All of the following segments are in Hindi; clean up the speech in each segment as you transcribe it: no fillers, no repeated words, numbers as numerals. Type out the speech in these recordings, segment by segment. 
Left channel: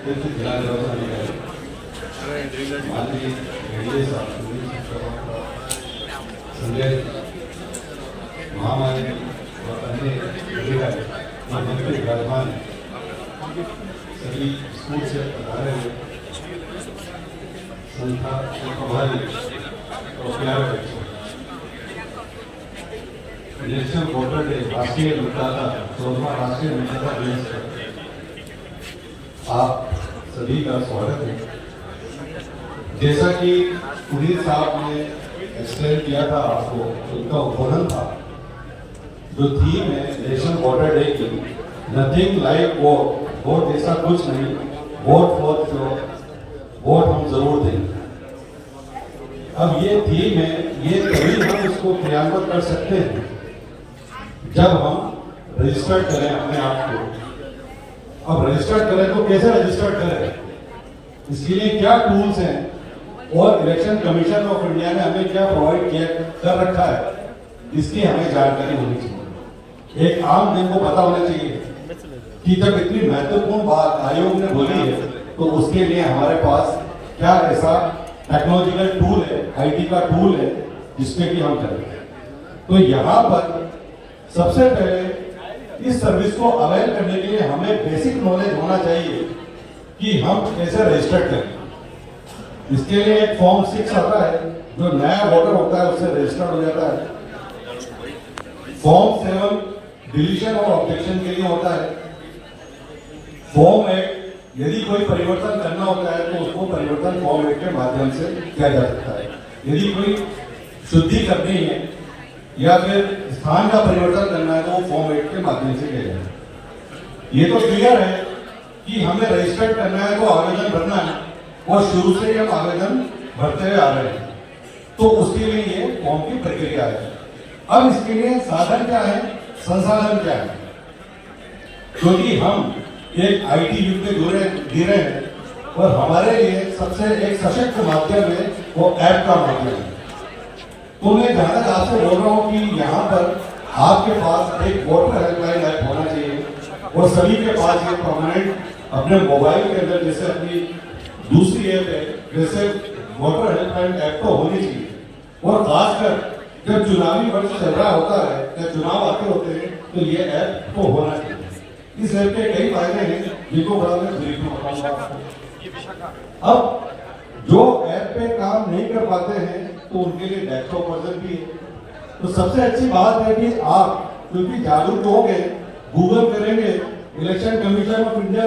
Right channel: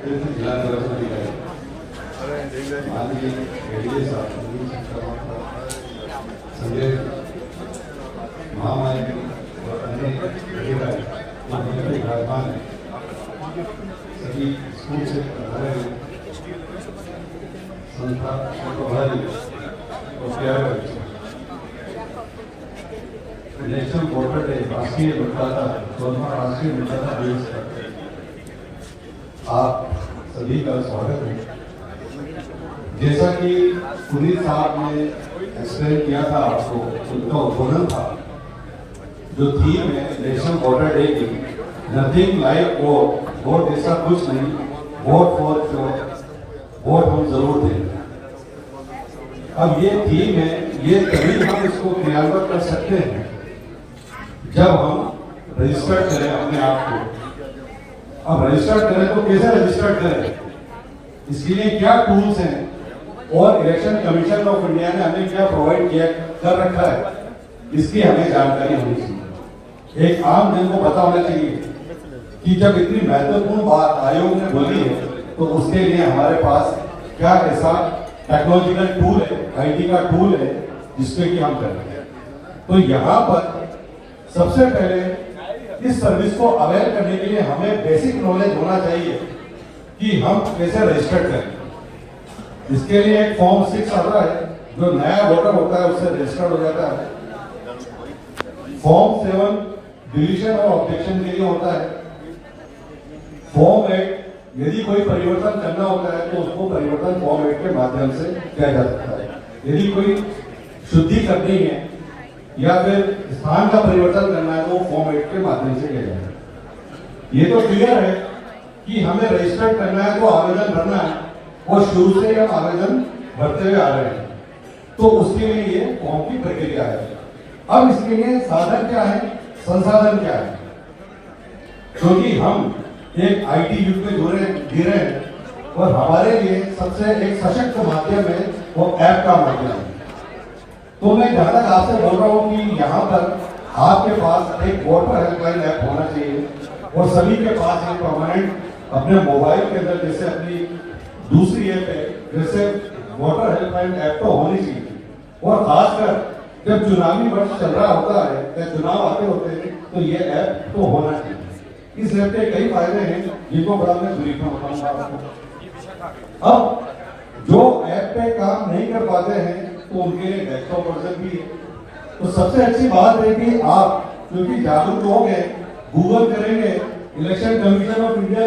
जिला निर्वाचन अधिकारी माननीय एडीए साहब संजय महामारी और अन्य विराजमान सभी स्कूल से संस्था भाई और प्यारे बच्चे, नेशनल वोटर डे राष्ट्रीय मतदाता 14वां राष्ट्रीय मतदाता दिवस पर आप सभी का स्वागत है। जैसा कि पुनीत साहब ने एक्सप्लेन किया था, आपको उनका उद्बोधन था, जो थीम है नेशनल वोटर डे की, नथिंग लाइक वोट, वोट जैसा कुछ नहीं, वोट फॉर श्योर, वोट हम जरूर दें। अब ये थीम है, ये तभी हम इसको क्रियान्वित कर सकते हैं जब हम रजिस्टर करें अपने आप को। अब रजिस्टर करें तो कैसे रजिस्टर करें, इसके लिए क्या टूल्स हैं और इलेक्शन कमीशन ऑफ इंडिया ने हमें क्या प्रोवाइड किया कर रखा है, इसकी हमें जानकारी होनी चाहिए। एक आम जन को पता होना चाहिए कि जब इतनी महत्वपूर्ण बात आयोग ने बोली है तो उसके लिए हमारे पास क्या ऐसा टेक्नोलॉजिकल टूल है, आईटी का टूल है जिसपे कि हम करें। तो यहाँ पर सबसे पहले इस सर्विस को अवेल करने के लिए हमें बेसिक नॉलेज होना चाहिए कि हम कैसे रजिस्टर करें। इसके लिए एक फॉर्म 6 आता है, जो नया वोटर होता है उससे रजिस्टर हो जाता है। फॉर्म 7 डिलीशन और ऑब्जेक्शन के लिए होता है। फॉर्म 8 यदि कोई परिवर्तन करना होता है तो उसको परिवर्तन फॉर्म 8 के माध्यम से किया जा सकता है। यदि कोई शुद्धि करनी है या फिर स्थान का परिवर्तन करना है तो वो फॉर्म 8 के माध्यम से किया जाए। ये तो क्लियर है कि हमें रजिस्टर करना है तो आवेदन भरना है, और शुरू से हम आवेदन भरते हुए आ रहे हैं, तो उसके लिए ये फॉर्म की प्रक्रिया है। अब इसके लिए साधन क्या है, संसाधन क्या है, क्योंकि हम एक आईटी युग में जी रहे हैं और हमारे लिए सबसे एक सशक्त माध्यम है वो ऐप का माध्यम है। तो मैं जहां तक आपसे बोल रहा हूं कि यहाँ पर आपके पास एक वोटर हेल्पलाइन ऐप होना चाहिए और सभी के पास ये परमानेंट अपने मोबाइल के अंदर जैसे अपनी दूसरी ऐप है वैसे वोटर हेल्पलाइन ऐप तो होनी चाहिए। और खासकर जब चुनावी वर्ष चल रहा होता है या चुनाव आते होते हैं तो ये ऐप तो होना चाहिए। इस ऐप के कई फायदे हैं जिनको बाद में ब्रीफ में बताऊंगा आपको। अब जो ऐप पे काम नहीं कर पाते हैं तो उनके लिए डेस्कटॉप वर्जन भी है। तो सबसे अच्छी बात है कि आप क्योंकि जागरूक लोग हैं, गूगल करेंगे, इलेक्शन कमीशन ऑफ इंडिया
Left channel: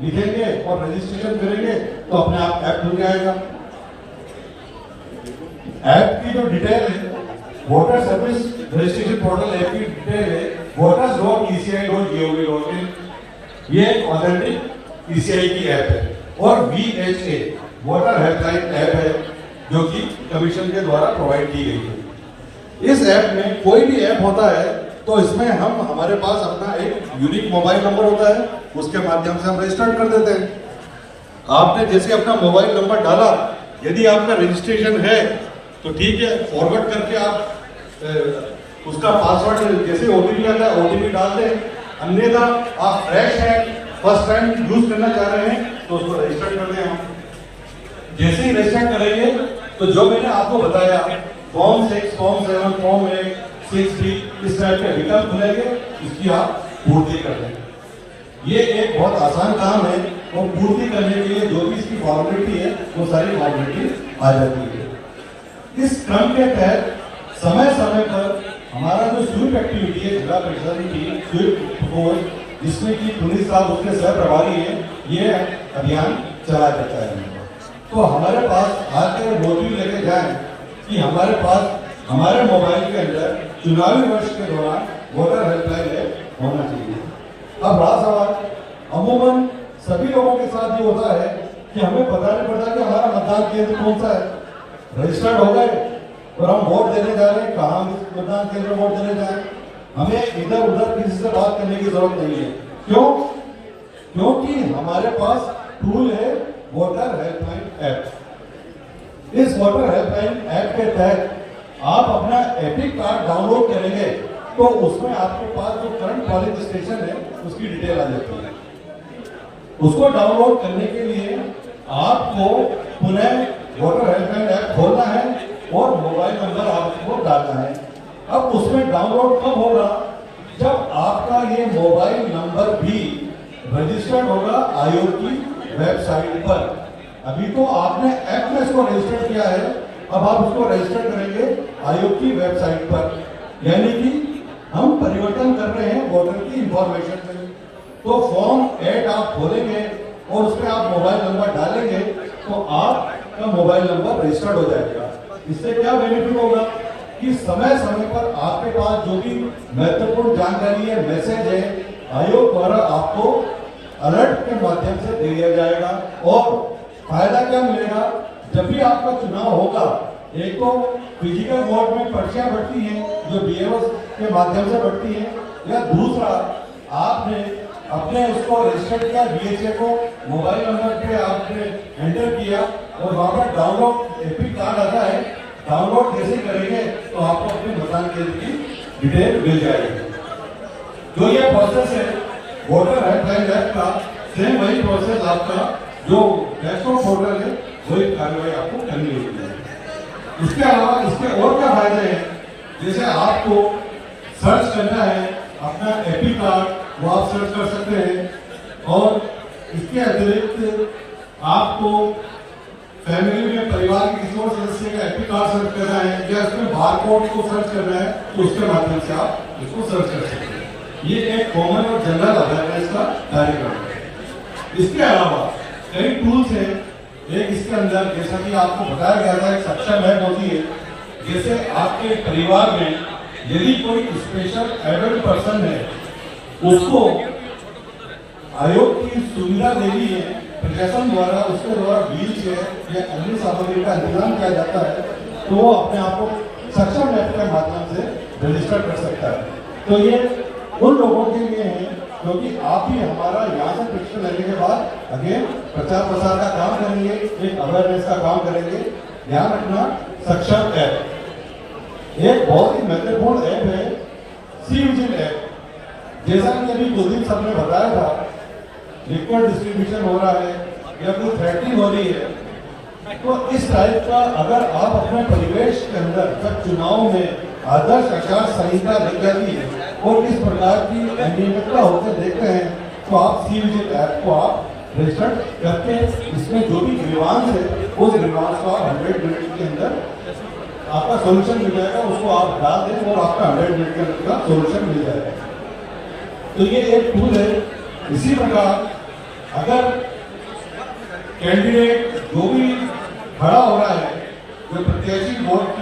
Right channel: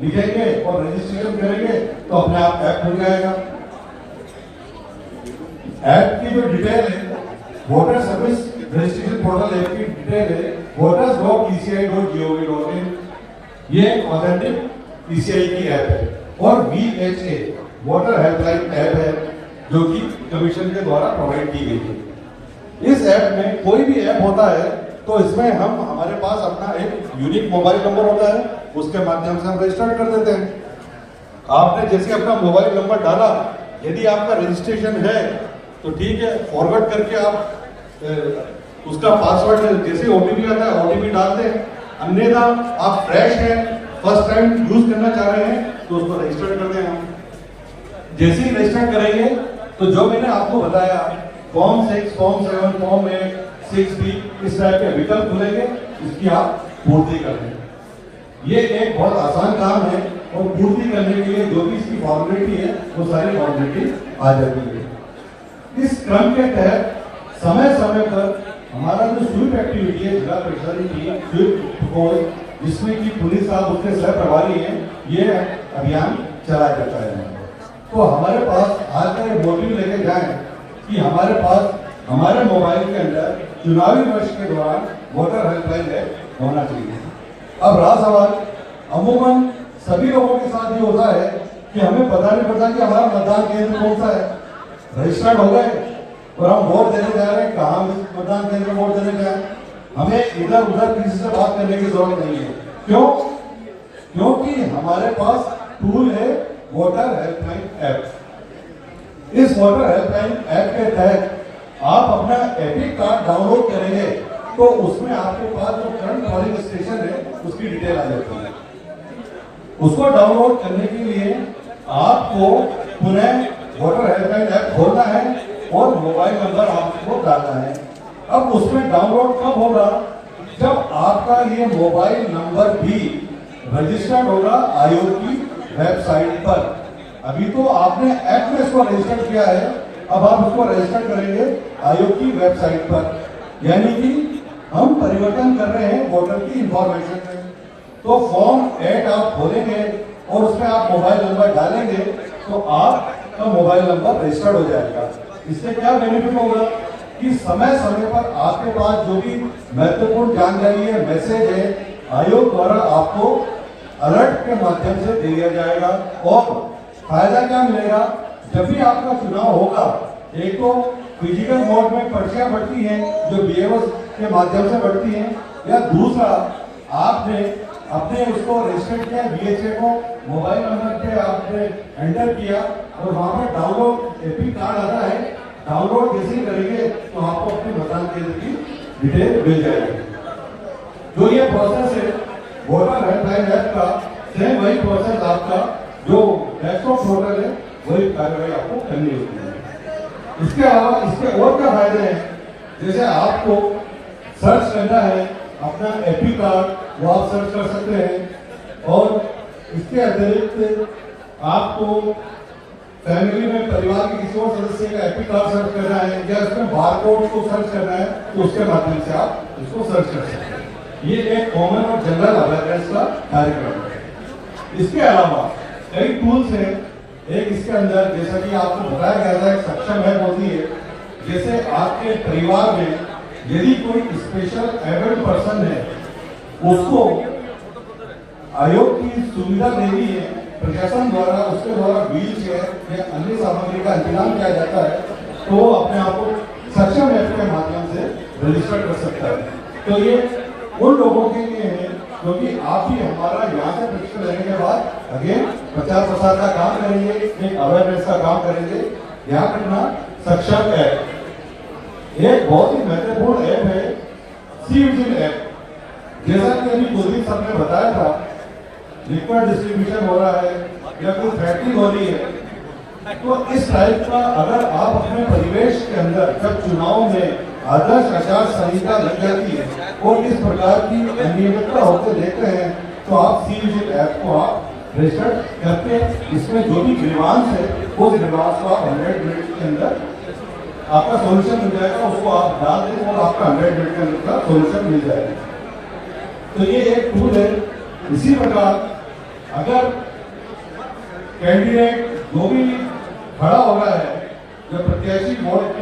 लिखेंगे और रजिस्ट्रेशन करेंगे तो अपने आप ऐप खुल जाएगा। ऐप की जो डिटेल है, voter service registration portal app की डिटेल है voters.eci.gov.in। ये एक ऑथेंटिक ईसीआई की ऐप है। और VHA वोटर हेल्पलाइन ऐप है जो कि कमीशन के द्वारा प्रोवाइड की गई है। इस ऐप में कोई भी ऐप होता है तो इसमें हम हमारे पास अपना एक यूनिक मोबाइल नंबर होता है, उसके माध्यम से हम रजिस्टर कर देते हैं। आपने जैसे अपना मोबाइल नंबर डाला, यदि आपका रजिस्ट्रेशन है तो ठीक है, फॉरवर्ड करके आप उसका पासवर्ड जैसे ओटीपी आता है ओटीपी डाल दें। अन्यथा आप फ्रेश हैं, फर्स्ट टाइम यूज करना चाह रहे हैं तो उसको रजिस्टर कर दें। जैसे ही रजिस्टर करेंगे तो जो मैंने आपको बताया फॉर्म 6, फॉर्म 7, फॉर्म 8, 6B इस टाइप के विकल्प खुलेंगे, इसकी आप पूर्ति कर लें। ये एक बहुत आसान काम है और पूर्ति करने के लिए जो भी इसकी फॉर्मेलिटी है वो सारी फॉर्मेलिटी आ जाती है। इस क्रम के तहत समय समय पर हमारा जो स्वीप एक्टिविटी है जिला परिषद की स्वीप फोर्स, जिसमें कि पुलिस साहब उसके सह प्रभारी हैं, ये अभियान चलाया जाता है। तो हमारे पास आज का ये मोटिव लेके जाएं कि हमारे पास हमारे मोबाइल के अंदर चुनावी वर्ष के दौरान वोटर हेल्पलाइन ऐप होना चाहिए। अब रहा सवाल, अमूमन सभी लोगों के साथ ये होता है कि हमें पता नहीं पड़ता कि हमारा मतदान केंद्र कौन सा है। रजिस्टर्ड हो गए और हम वोट देने जा रहे हैं, कहाँ मतदान केंद्र वोट देने जाए, हमें इधर उधर किसी से बात करने की जरूरत नहीं है। क्यों? क्योंकि हमारे पास टूल है वोटर हेल्पलाइन ऐप। इस वोटर हेल्पलाइन ऐप के तहत आप अपना एपिक कार्ड डाउनलोड करेंगे तो उसमें आपके पास जो करंट पोलिंग स्टेशन है उसकी डिटेल आ जाती है। उसको डाउनलोड करने के लिए आपको पुनः वोटर हेल्पलाइन ऐप खोलना है और मोबाइल नंबर आपको डालना है। अब उसमें डाउनलोड कब होगा? जब आपका ये मोबाइल नंबर भी रजिस्टर्ड होगा आयोग की वेबसाइट पर। अभी तो आपने ऐप में इसको रजिस्टर किया है, अब आप उसको रजिस्टर करेंगे आयोग की वेबसाइट पर। यानी कि हम परिवर्तन कर रहे हैं वोटर की इंफॉर्मेशन में। तो फॉर्म 8 आप खोलेंगे और उसमें आप मोबाइल नंबर डालेंगे तो आपका मोबाइल नंबर रजिस्टर्ड हो जाएगा। इससे क्या बेनिफिट होगा कि समय समय पर आपके पास जो भी महत्वपूर्ण जानकारी है, मैसेज है, आयोग द्वारा आपको अलर्ट के माध्यम से दे दिया जाएगा। और फायदा क्या मिलेगा? जब भी आपका चुनाव होगा, एक तो फिजिकल मोड में पर्चियां बढ़ती हैं जो बीएलओ के माध्यम से बढ़ती हैं, या दूसरा आपने अपने उसको रजिस्टर किया बीएचए को, मोबाइल नंबर पे आपने एंटर किया और वहां पर डाउनलोड एपी कार्ड आता है, डाउनलोड जैसे ही करेंगे तो आपको अपने मतदान केंद्र की डिटेल मिल जाएगी। जो ये प्रोसेस है वोटर हेल्पलाइन ऐप का, सेम वही प्रोसेस आपका जो डेस्कटॉप पोर्टल है वही कार्रवाई आपको करनी होती है। इसके अलावा इसके और क्या फायदे हैं? जैसे आपको सर्च करना है अपना एपी कार्ड, वो आप सर्च कर सकते हैं। और इसके अतिरिक्त आपको फैमिली में परिवार के किसी और सदस्य का एपी कार्ड सर्च करना है या इसमें बारकोड को सर्च करना है तो उसके माध्यम से आप इसको सर्च कर सकते हैं। ये एक कॉमन और जनरल अवेयरनेस का कार्यक्रम है। इसके अलावा कई टूल्स हैं। एक इसके अंदर जैसा कि आपको बताया गया था, एक सक्षम ऐप होती है। जैसे आपके परिवार में यदि कोई स्पेशल एबल्ड पर्सन है, उसको आयोग की सुविधा देनी है प्रशासन द्वारा, उसके द्वारा व्हील चेयर या अन्य सामग्री का इंतजाम किया जाता है, तो वो अपने आप को सक्षम ऐप के माध्यम से रजिस्टर कर सकता है। तो ये उन लोगों के लिए है क्योंकि आप भी हमारा यहाँ से प्रशिक्षण लेने के बाद अगेन प्रचार प्रसार का काम करेंगे, एक अवेयरनेस का काम करेंगे। ध्यान रखना, सक्षम ऐप एक बहुत ही महत्वपूर्ण ऐप है, सी विजिल ऐप। जैसा कि अभी कुलदीप साहब ने बताया था, लिक्विड डिस्ट्रीब्यूशन हो रहा है या कोई फैक्ट्री हो रही है, तो इस टाइप का अगर आप अपने परिवेश के अंदर जब चुनाव में आदर्श आचार संहिता लग जाती है और इस प्रकार की अनियमितता होते देखते हैं तो आप सी विजिल ऐप को आप रजिस्टर करते हैं। इसमें जो भी ग्रीवांस है उस ग्रीवांस को आप 100 मिनट के अंदर आपका सोल्यूशन मिल जाएगा, उसको आप डाल दें और आपका 100 मिनट के अंदर का सोल्यूशन मिल जाएगा। तो ये एक टूल है। इसी प्रकार अगर कैंडिडेट जो भी खड़ा हो रहा है, जो प्रत्याशी वोट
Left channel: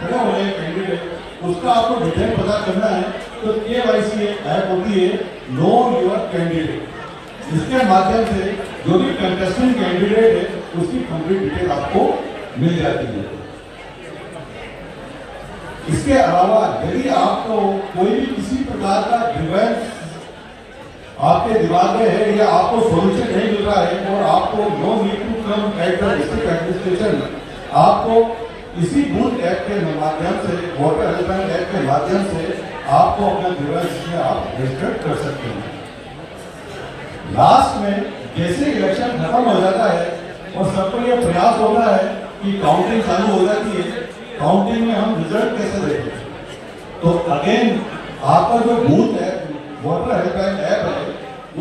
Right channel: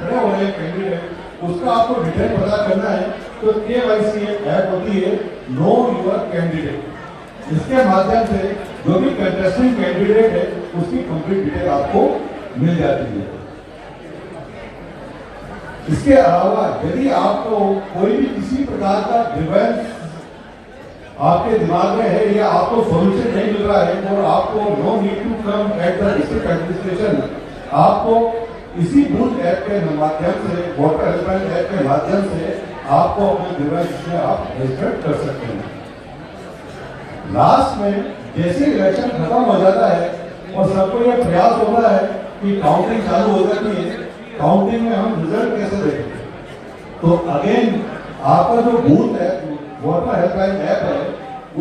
खड़े हो रहे हैं कैंडिडेट, उसका आपको डिटेल पता करना है तो KYC ऐप होती है, नो योर कैंडिडेट। इसके माध्यम से जो भी कंटेस्टिंग कैंडिडेट है उसकी कंप्लीट डिटेल आपको मिल जाती है। इसके अलावा यदि आपको कोई भी किसी प्रकार का ग्रीवेंस आपके दिमाग में है या आपको सोल्यूशन नहीं मिल रहा है और आपको no need to come at the district administration, आपको इसी बूथ ऐप के माध्यम से, वोटर हेल्पलाइन ऐप के माध्यम से आपको अपना ग्रीवेंस में आप रजिस्टर कर सकते हैं। लास्ट में जैसे इलेक्शन खत्म हो जाता है और सबको ये प्रयास होता है कि काउंटिंग चालू हो जाती है, काउंटिंग में हम रिजल्ट कैसे देखें, तो अगेन आपका जो बूथ है वोटर हेल्पलाइन ऐप है,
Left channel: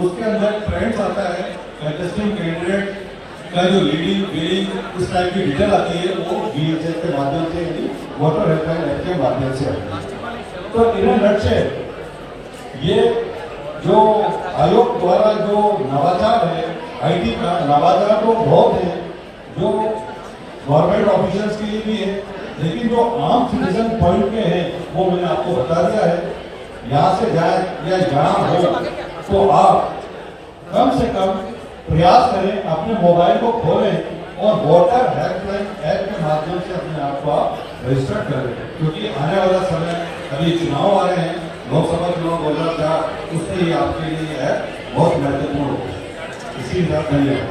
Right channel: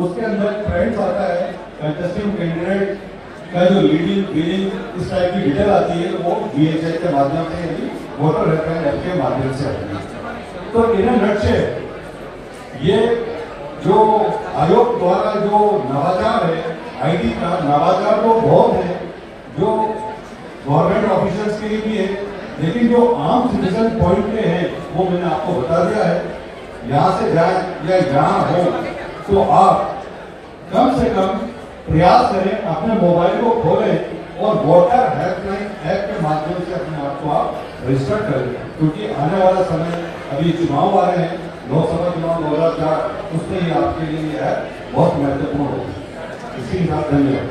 उसके अंदर फ्रेंड्स आता है, कंटेस्टिंग कैंडिडेट का जो लीडिंग फीलिंग इस टाइप की डिटेल आती है वो BHA के माध्यम से, यानी वोटर हेल्पलाइन ऐप के माध्यम से आती है। तो इन नटशेल ये जो आयोग द्वारा जो नवाचार है IT का, नवाचार तो बहुत है जो गवर्नमेंट ऑफिसर्स के लिए भी है, लेकिन जो आम सिटीजन पॉइंट के हैं वो मैंने आपको बता दिया है। यहाँ से जाए या जहाँ हो तो आप कम से कम प्रयास करें, अपने मोबाइल को खोलें और वोटर हेल्पलाइन ऐप के माध्यम से अपने आप को आप रजिस्टर करें, क्योंकि आने वाला समय अभी चुनाव वाले हैं, लोकसभा चुनाव 2004, उससे ही आपके लिए ऐप बहुत महत्वपूर्ण होगा। इसी के साथ धन्यवाद।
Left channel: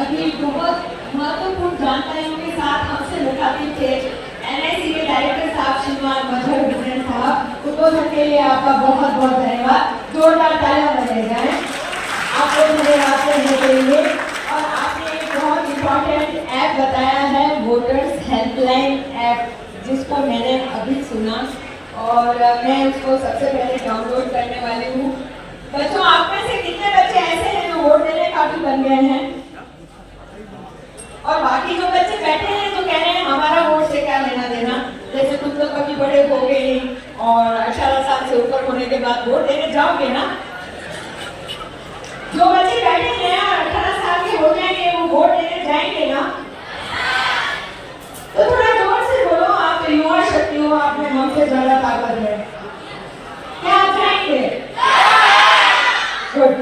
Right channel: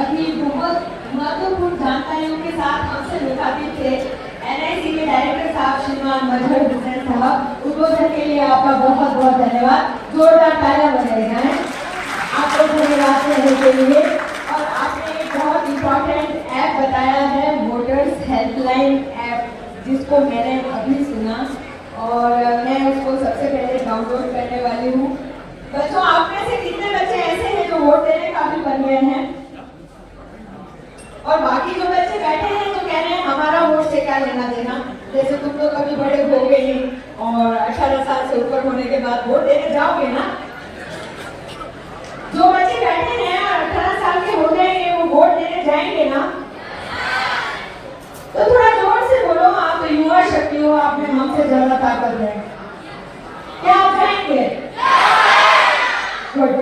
अभी बहुत महत्वपूर्ण जानकारियों के साथ हमसे मुखातिब थे NIC के डायरेक्टर साहब श्रीमान मजहर हुसैन साहब। उद्बोधन के लिए आपका बहुत बहुत धन्यवाद। जोरदार तालियां बजाई जाएं। आपको धन्यवाद कहने के लिए। और आपने एक बहुत इम्पोर्टेंट ऐप बताया है, वोटर्स हेल्पलाइन ऐप, जिसको मैंने अभी सुना और मैं उसको सबसे पहले डाउनलोड करने वाली हूँ। बच्चों, आप में से कितने बच्चे ऐसे हैं जो वोट देने काबिल बन गए हैं? और बाकी जो बच्चे बैठे हैं तो कह रहे हैं हमारा वोट से क्या लेना देना, जैसे तुम तो कभी बड़े हो गए और 18 साल से ऊपर होने के बाद वोट देने जाओगे ना। जो बच्चे बैठे हैं और 18 साल के हो जाएंगे, वो वोट देने जाएंगे ना। तो थोड़ा जोर से बोलो, आप तो युवा शक्ति हो, आप में हमसे ज्यादा ताकत है। क्या आप जाएंगे? Good,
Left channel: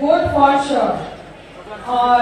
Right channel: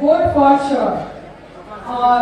vote for sure. और